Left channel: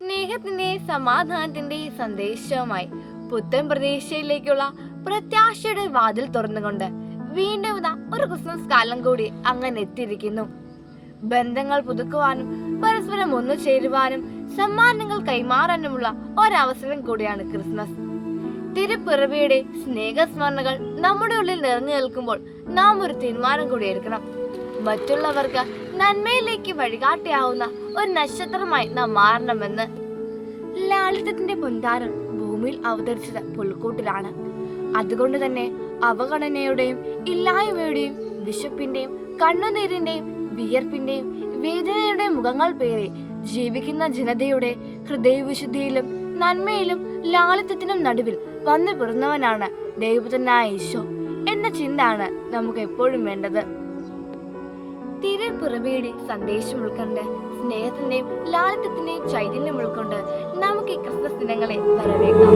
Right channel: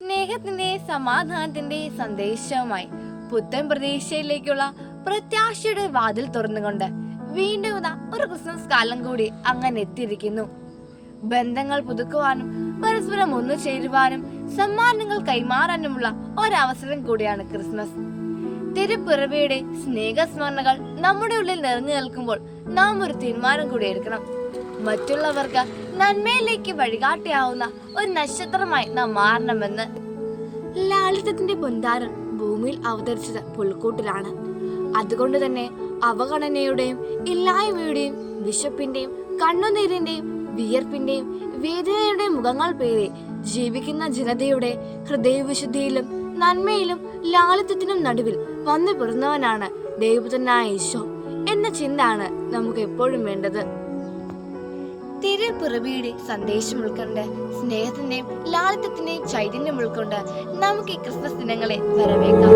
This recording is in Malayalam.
സ്നേഹത്തിന്റെ സമാധാനത്തിന്റെ സന്ദേശവുമായി പുത്തൻ പ്രതീക്ഷയിലേക്കുള്ള പ്രത്യാശയുടെ വാതിൽ തുറന്നുകൊണ്ട് വീണ്ടും ഇതാ ഒരു ക്രിസ്മസ് കാലം കൂടി അങ്ങനെ എത്തിയിരിക്കുന്നു. ബന്ധങ്ങൾ പുതുക്കുവാനും പരസ്പരം ഒന്നു ചേരുവാനും സമ്മാനങ്ങൾ കൈമാറാനുമുള്ള ഒരവസരം കൂടിയാണ് ക്രിസ്മസ്. തിരുപ്പിറവിയുടെ സ്നേഹസ്മരണകൾ നമ്മുടെ ഉള്ളിൽ നിറഞ്ഞു നിൽക്കുമ്പോൾ നാം ഒരു തീരുമാനം കൂടി എടുക്കണം. മറ്റുള്ളവർക്ക് നന്മയിലേക്ക് വഴികാട്ടിയാവുന്ന ഒരു നക്ഷത്രമായി നാം മാറണമെന്ന്. ലാളിത്യത്തിന്റെ പൊൻതാരം ഭൂമിയിൽ അവതരിച്ചത് പുൽക്കൂട്ടിലാണ്. അതുകൊണ്ട് തന്നെ അവഗണനയുടെയും ഇല്ലായ്മയുടെയും വിശപ്പിന്റെയും കണ്ണുനീരിന്റെയും വിയർപ്പിന്റെയും വേദനയുടെയും മുഖങ്ങൾ പേറി ജീവിക്കുന്ന ജനതയുടെ ഹൃദയവിശുദ്ധിയിലും നന്മയിലും ലാളിത്യത്തിനും നടുവിൽ വന്നു പിറന്നവനാണ് ദൈവപുത്രനായ ഈശോ എന്ന ചിന്തയാണ് നമുക്ക് എപ്പോഴും വേണ്ടത്. തിരുപ്പിറവിയുടെ സന്ദേശം ഉൾക്കൊണ്ട് സ്നേഹത്തിന്റെയും ലാളിത്യത്തിന്റെയും ചൈതന്യം ഉൾക്കൊണ്ട് നമുക്ക് ഈ ക്രിസ്മസ് ദിനങ്ങളെ വരവേക്കാം.